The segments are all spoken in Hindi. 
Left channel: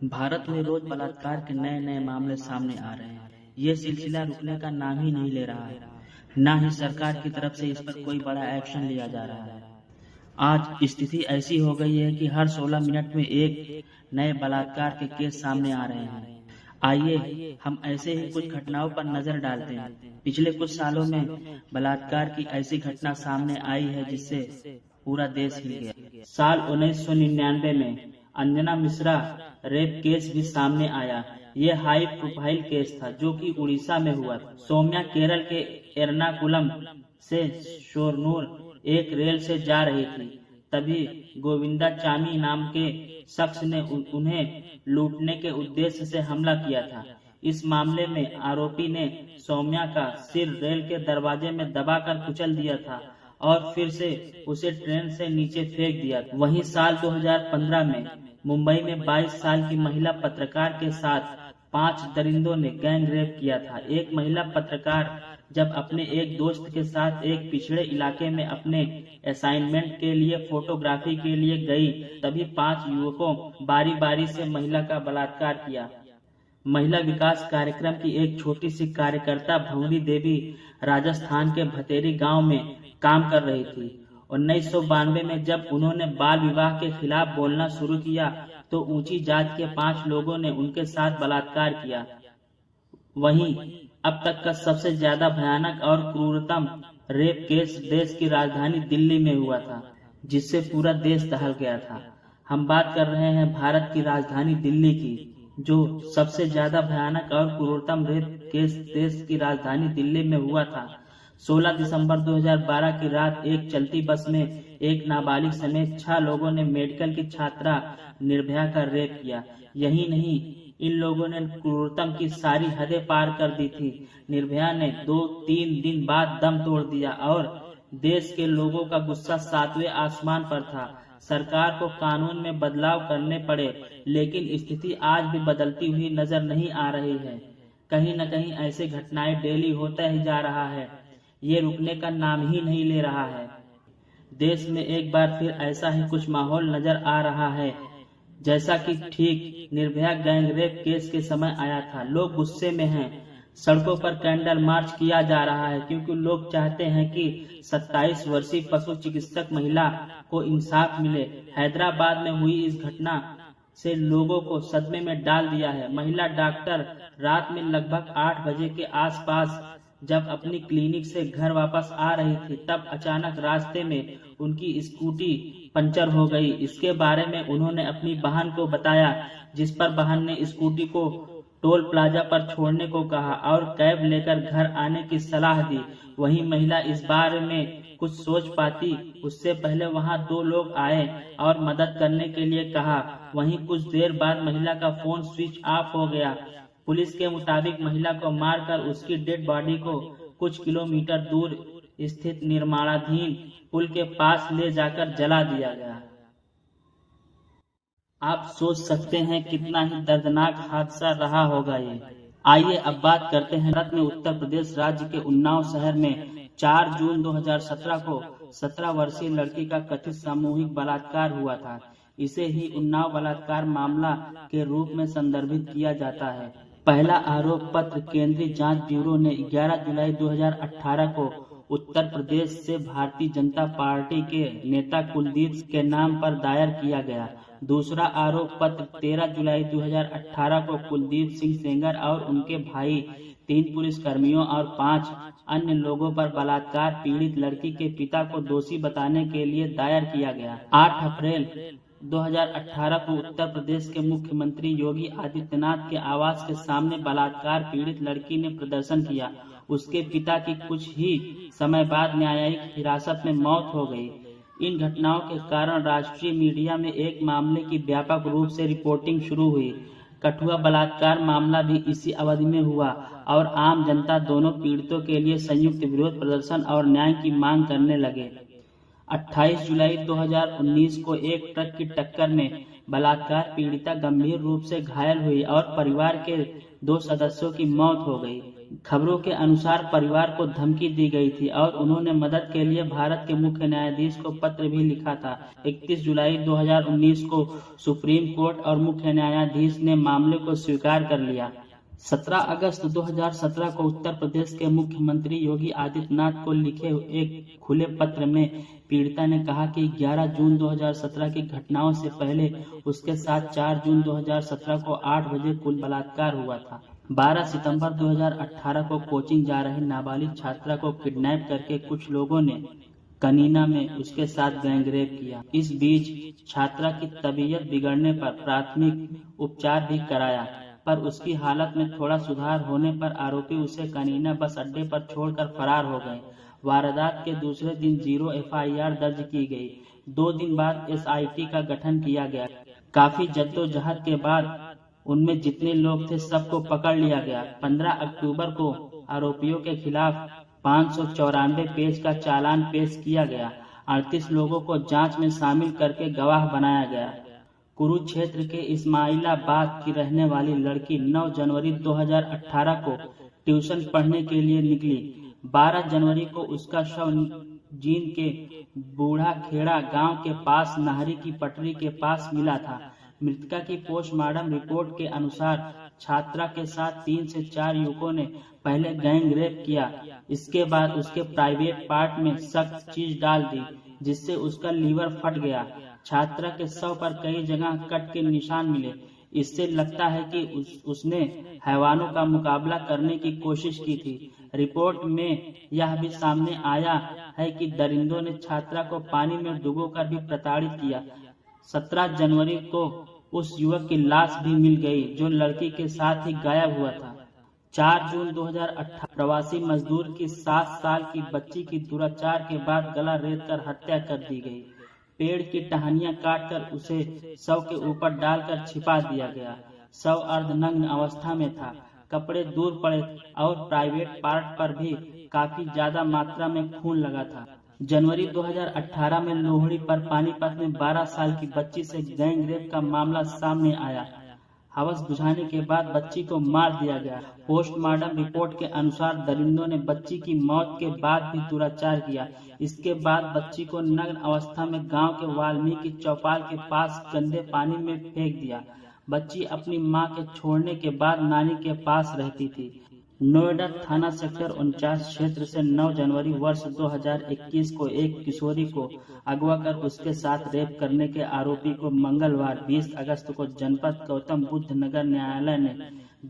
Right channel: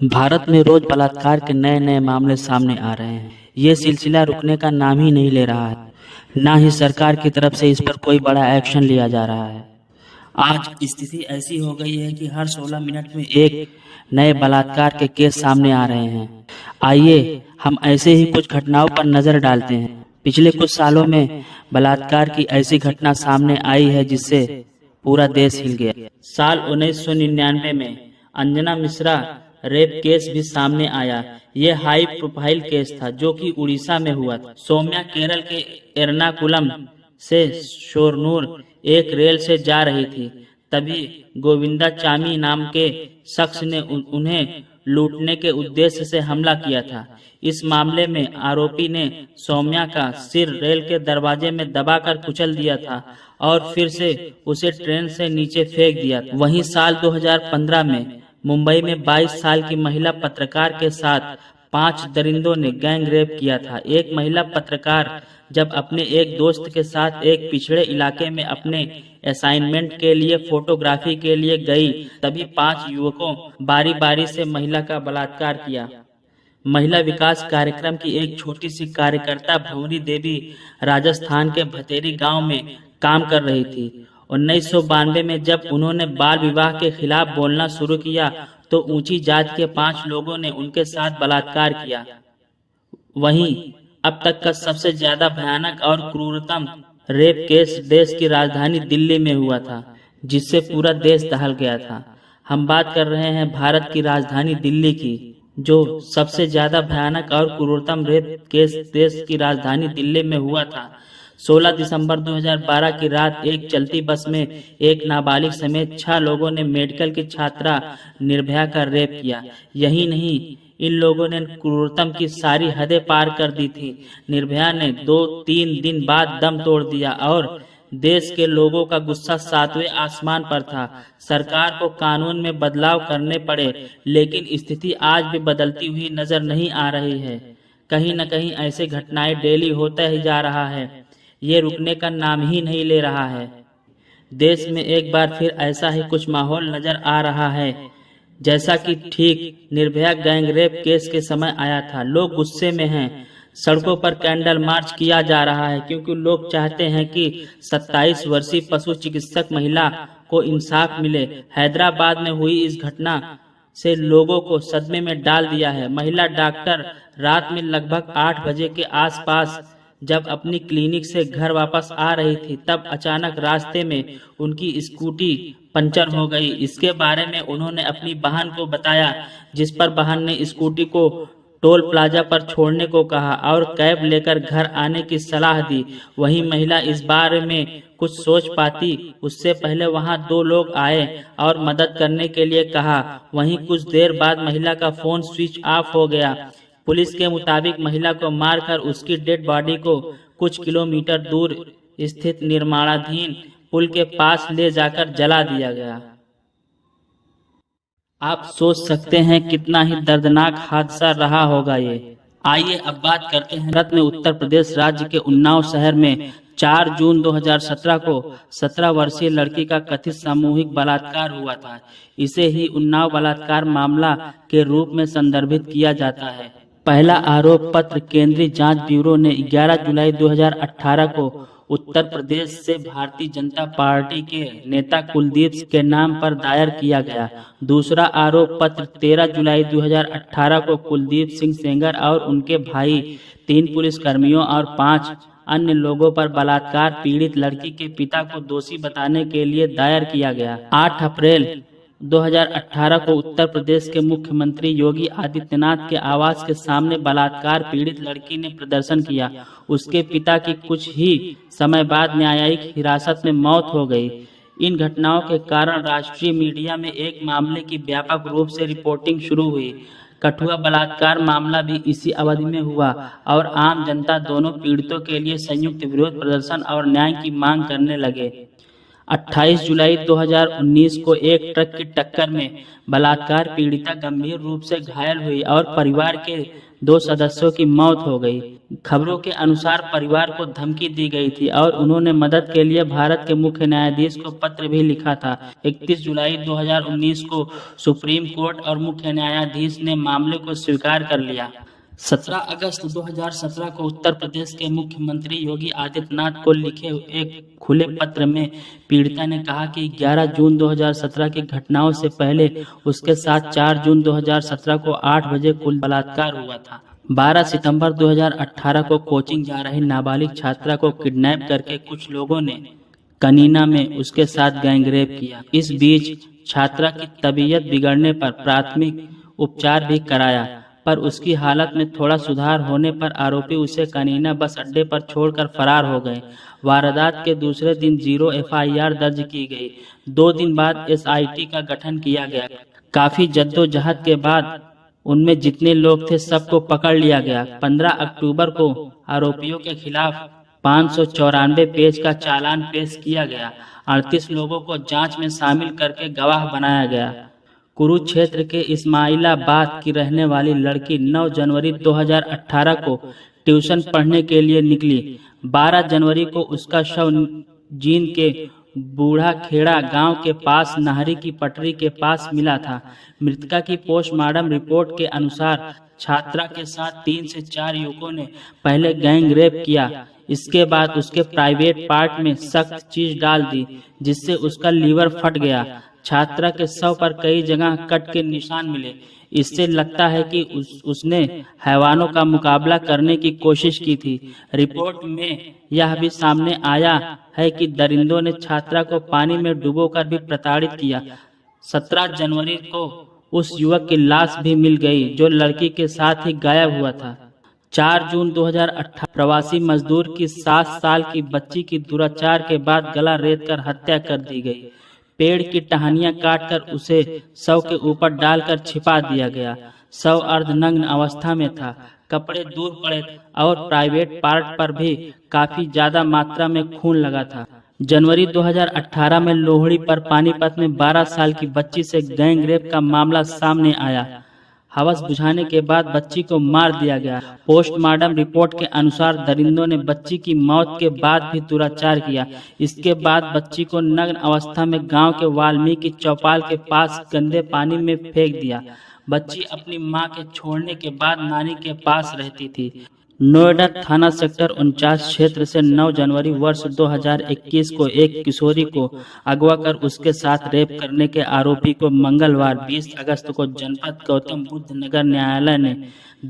भारत में रोज बलात्कार के नए नए मामले सामने आ रहे हैं। ये सिलसिला रुकने का नाम ही नहीं ले रहा है। ना ही सरकार की तरफ से इस पर कोई बड़ा एक्शन लिया जा रहा है। आज स्थिति ऐसी हो गई है कि हर 16 मिनट में एक नए बलात्कार के केस सामने आ रहे हैं। आइए हम ऐसे ही कुछ घटनाओं पर नजर डालते हैं। पिछले कुछ सालों में बलात्कार की ऐसी घटना सामने आई है जिससे पूरा देश हिल गया। साल 1999 में अंजना मिश्रा रेप केस भी सामने आया। ये हाई प्रोफाइल केस था जो कि उड़ीसा में हुआ था। सौम्या केरल के एर्नाकुलम से शोरनूर एक रेल से जा रही थी, तभी गोविंदाचामी नाम के शख्स ने उन्हें लूटने के उद्देश्य से हमला किया था। इस मामले में आरोपी ने सौम्या का सिर रेल के दरवाजे में दबाकर कुचल दिया था और फिर से उसे ट्रेन से नीचे फेंक दिया था। वहीं साल 2015 में मुंबई में 22 साल की महिला पत्रकार के साथ 5 दरिंदों ने गैंग रेप किया था। एक महिला पत्रकार जब अपने एक दोस्त के साथ एक पिछड़े इलाके में अपने असाइनमेंट के लिए फोटोग्राफी के लिए गई, तभी 5 युवकों बारी बारी से महिला का बलात्कार किया। महिला विकास कार्यक्रम की एक छोटी सी कार्यकर्ता भंवरी देवी राजस्थान के भतेरी गांव में काम कर रही थी। 1992 में जब उन्होंने बाल विवाह के खिलाफ बोलना शुरू किया तो ऊंची जात के 5 लोगों ने उनके साथ बलात्कार किया। वहीं अब तक का सबसे ज्यादा भयानक और क्रूरतम रेप केस देश की राजधानी दिल्ली में हुआ था, जिससे पूरा देश दहल गया था। हम बात कर रहे हैं भारत की राजधानी दिल्ली की, जो सबसे ज्यादा भयानक और क्रूरतम रेप केस देश की राजधानी दिल्ली में हुआ था। 16 दिसंबर 2012 की रात एक चलती बस में एक नाबालिग समेत 6 लोगों ने मेडिकल की छात्रा निर्भया का रेप किया। यही नहीं, इन लोगों ने क्रूरतम की सारी हदें पार कर दी थी। निर्भया ने 2-3 दिन बाद दम तोड़ दिया और देश के लोगों का गुस्सा 7वें आसमान पर था। सरकार को कानून में बदलाव करने पड़े, लेकिन स्थिति आज भी बदलती हुई नजर नहीं आ रही है। कहीं न कहीं ऐसे घटनाएं डेली होता ही जा रहा है। ये रुकने का नाम ही नहीं ले रहा है। देश में एक बार फिर ऐसा ही कुछ माहौल नजर आ रहा है जैसा कि ठीक निर्भया गैंग रेप केस के समय आया था। लोग गुस्से में हैं। सड़कों पर कैंडल मार्च किया जा रहा है क्योंकि लोग चाहते हैं कि 27 वर्षीय पशु चिकित्सक महिला को इंसाफ मिले। हैदराबाद में हुई इस घटना से लोगों को सदमे में डाल दिया है। महिला डॉक्टर रात में लगभग 8 बजे के आसपास जब अपनी क्लिनिक से घर वापस आ रही थी, तब अचानक रास्ते में उनकी स्कूटी पंचर हो गई। इसके बारे में उन्होंने अपनी बहन को बताया, जिस पर बहन ने स्कूटी को टोल प्लाजा पर छोड़ने को कहा और कैब लेकर घर आने की सलाह दी। वहीं महिला इस बारे में कुछ सोच पाती उससे पहले वहां 2 लोग आए और मदद करने के लिए कहा। वहीं कुछ देर बाद महिला का फोन स्विच ऑफ हो गया। पुलिस के मुताबिक महिला को मारकर उसकी डेड बॉडी को कुछ किलोमीटर दूर स्थित निर्माणाधीन पुल के पास ले जाकर जला दिया गया। आप सोच सकते हैं कितना ही दर्दनाक हादसा रहा होगा ये। आइए अब बात करते हैं भारत में उत्तर प्रदेश राज्य के उन्नाव शहर में 4 जून 2017 को 17 वर्षीय लड़की का कथित सामूहिक बलात्कार हुआ था। इसे ही उन्नाव बलात्कार मामला के रूप में संदर्भित किया जाता है। पहला आरोप पत्र केंद्रीय जांच ब्यूरो ने 11 जुलाई 2018 को उत्तर प्रदेश से भारतीय जनता पार्टी के नेता कुलदीप के नाम पर दायर किया गया। दूसरा आरोप पत्र 13 जुलाई 2018 को कुलदीप सिंह सेंगर और उनके भाई, 3 पुलिसकर्मियों और 5 अन्य लोगों पर बलात्कार पीड़ित लड़की के पिता को दोषी बताने के लिए दायर किया गया। 8 अप्रैल 2018 को उत्तर प्रदेश के मुख्यमंत्री योगी आदित्यनाथ के आवास के सामने बलात्कार पीड़ित लड़की ने प्रदर्शन किया। उसके पिता की कुछ ही समय बाद न्यायिक हिरासत में मौत हो गई। इन घटनाओं के कारण राष्ट्रीय मीडिया में एक मामले की व्यापक रूप से रिपोर्टिंग शुरू हुई। कठुआ बलात्कार मामला भी इसी अवधि में हुआ और आम जनता दोनों पीड़ितों के लिए संयुक्त विरोध प्रदर्शन और न्याय की मांग करने लगे। 28 जुलाई 2019 को एक ट्रक की टक्कर में बलात्कार पीड़िता गंभीर रूप से घायल हुई और परिवार के 2 सदस्यों की मौत हो गई। खबरों के अनुसार परिवार को धमकी दी गई थी और उन्होंने मदद के लिए भारत के मुख्य न्यायाधीश को पत्र भी लिखा था। 31 जुलाई 2019 को सुप्रीम कोर्ट और मुख्य न्यायाधीश ने मामले को स्वीकार कर लिया। 17 अगस्त 2017 को उत्तर प्रदेश के मुख्यमंत्री योगी आदित्यनाथ को लिखे एक खुले पत्र में पीड़िता ने कहा कि 11 जून 2017 की घटनाओं से पहले उसके साथ 4 जून 2017 को 8 बजे कुल बलात्कार हुआ था। 12 सितंबर 2018 को कोचिंग जा रही नाबालिग छात्रा को किडनैप करके कुछ लोगों ने कनीना में उसके साथ गैंगरेप किया। इस बीच छात्रा की तबीयत बिगड़ने पर प्राथमिक उपचार भी कराया, पर उसकी हालत में थोड़ा सुधार होने पर आरोपी उसे कनीना बस अड्डे पर छोड़कर फरार हो गए। वारदात के दूसरे दिन 0 FIR दर्ज की गई। 2 दिन बाद SIT का गठन किया गया। काफी जद्दोजहद के बाद उनमें जितने लोग थे सबको पकड़ लिया गया। 15 अक्टूबर को आरोपियों के खिलाफ 594 पेज का चालान पेश किया गया। 38 लोगों को जांच में शामिल करके गवाह बनाया गया। कुरुक्षेत्र के इस्माइलाबाद की रहने वाली लड़की 9 जनवरी 2018 को ट्यूशन पढ़ने के लिए निकली। 12 जनवरी को उसका शव जींद के बूढ़ा खेड़ा गांव के पास नहरी की पटरी के पास मिला था। मृतका की पोस्टमार्टम रिपोर्ट के अनुसार छात्रा के साथ 3 से 4 युवकों ने पहले गैंग रेप किया। इसके बाद उसके प्राइवेट पार्ट में सख्त चीज डाल दी, जिससे उसका लीवर फट गया। छात्रा के शव पर कई जगह कट के निशान मिले। इससे लगता है कि उसने हैवानों का मुकाबला करने की कोशिश की थी। रिपोर्ट में यह भी सामने आया है कि दरिंदों ने छात्रा को पानी में डुबोकर भी प्रताड़ित किया। 17 जनवरी को उस युवक की लाश भी मिल गई जो लड़की के साथ ही गायब हुआ था। 4 जून 2018 प्रवासी मजदूर की 7 साल की बच्ची की दुराचार के बाद गला रेतकर हत्या कर दी गई। पेड़ की टहनियां काटकर उसे शव के ऊपर डालकर छिपा दिया गया। शव अर्धनग्न अवस्था में था, कपड़े दूर पड़े और प्राइवेट पार्ट पर भी काफी ज्यादा मात्रा में खून लगा था। जनवरी 2018 में लोहड़ी पर पानीपत में 12 साल की बच्ची से गैंग रेप का मामला सामने आया। हवस बुझाने के बाद बच्ची को मार दिया गया। पोस्टमार्टम रिपोर्ट के अनुसार दरिंदों ने बच्ची की मौत के बाद भी दुराचार किया। इसके बाद बच्ची को नग्न अवस्था में गांव के वाल्मीकि चौपाल के पास गंदे पानी में फेंक दिया। बच्ची अपनी मां के छोड़ने के बाद नानी के पास रहती थी। नोएडा थाना सेक्टर 49 क्षेत्र से 9 जनवरी वर्ष 2021 को एक किशोरी को अगवा कर उसके साथ रेप करने के आरोपी को मंगलवार 20 अगस्त को जनपद गौतम बुद्ध नगर न्यायालय ने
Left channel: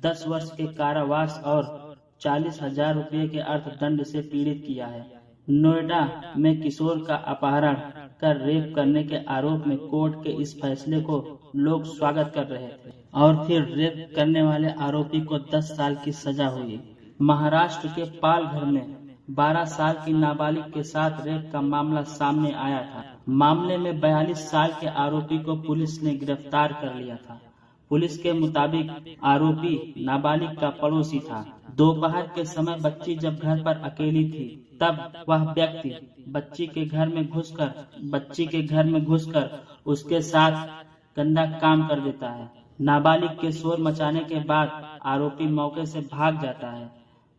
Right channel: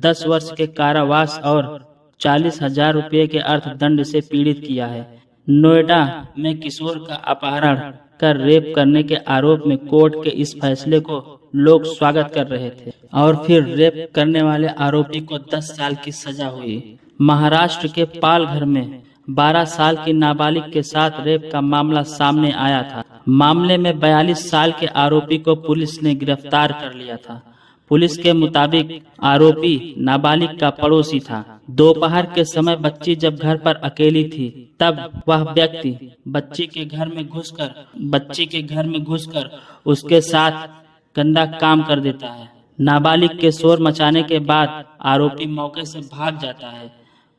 10 वर्ष के कारावास और 40,000 रुपये के अर्थदंड से पीड़ित किया है। नोएडा में किशोर का अपहरण कर रेप करने के आरोप में कोर्ट के इस फैसले को लोग स्वागत कर रहे थे और फिर रेप करने वाले आरोपी को 10 साल की सजा हुई। महाराष्ट्र के पालघर में 12 साल की नाबालिग के साथ रेप का मामला सामने आया था। मामले में 42 साल के आरोपी को पुलिस ने गिरफ्तार कर लिया था। पुलिस के मुताबिक आरोपी नाबालिग का पड़ोसी था। दोपहर के समय बच्ची जब घर पर अकेली थी तब वह व्यक्ति बच्ची के घर में घुसकर उसके साथ गंदा काम कर देता है। नाबालिग के शोर मचाने के बाद आरोपी मौके से भाग जाता है।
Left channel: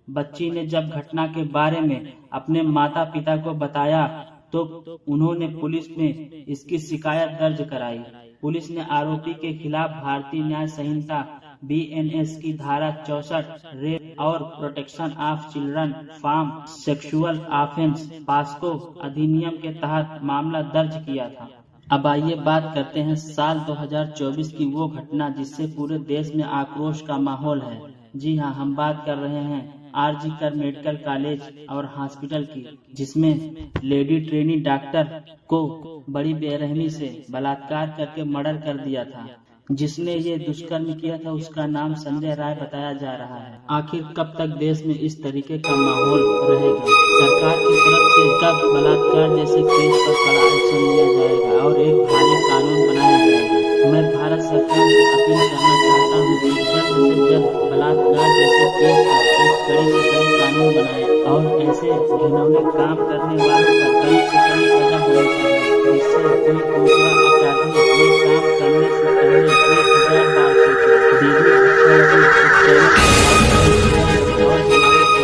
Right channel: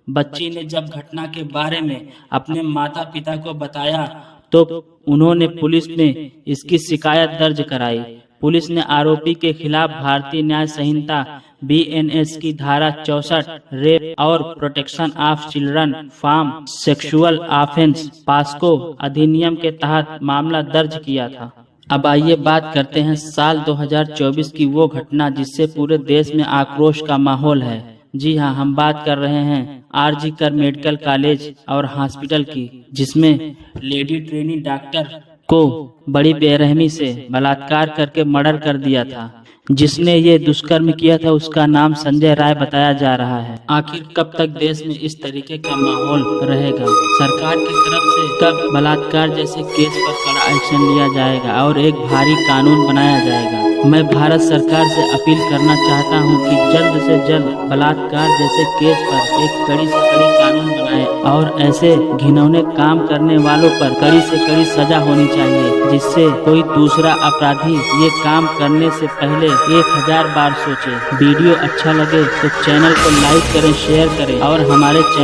बच्ची ने जब घटना के बारे में अपने माता पिता को बताया तो उन्होंने पुलिस में इसकी शिकायत दर्ज कराई। पुलिस ने आरोपी के खिलाफ भारतीय न्याय संहिता BNS की धारा 64 रेप और protection of children from sexual offence POCSO अधिनियम के तहत मामला दर्ज किया था। अब आइए बात करते हैं साल 2024 की वो घटना जिससे पूरे देश में आक्रोश का माहौल है। जी हाँ, हम बात कर रहे हैं RG कर मेडिकल कॉलेज और हॉस्पिटल की, जिसमें लेडी ट्रेनी डॉक्टर को बड़ी बेरहमी से बलात्कार करके मर्डर कर दिया था। जिसने ये दुष्कर्म किया था उसका नाम संजय राय बताया जा रहा है। आखिर कब तक देश में इस तरीके का माहौल रहेगा? सरकार की तरफ से कब बलात्कार जैसे केस पर कड़ा एक्शन लिया जाएगा और एक भारी कानून बनाया जाएगा? मैं भारत सरकार से अपील करना चाहता हूं कि जल्द से जल्द बलात्कार जैसे केस पर एक कड़ी से कड़ी कानून बनाए और ऐसे घिनौने काम करने वालों पर कड़ी से कड़ी सजा होनी चाहिए, जिससे कोई दूसरा अपराधी ये काम करने से पहले 1000 बार सोचे। वीडियो अच्छा लगे तो चैनल को लाइक करें, शेयर करें और हमारे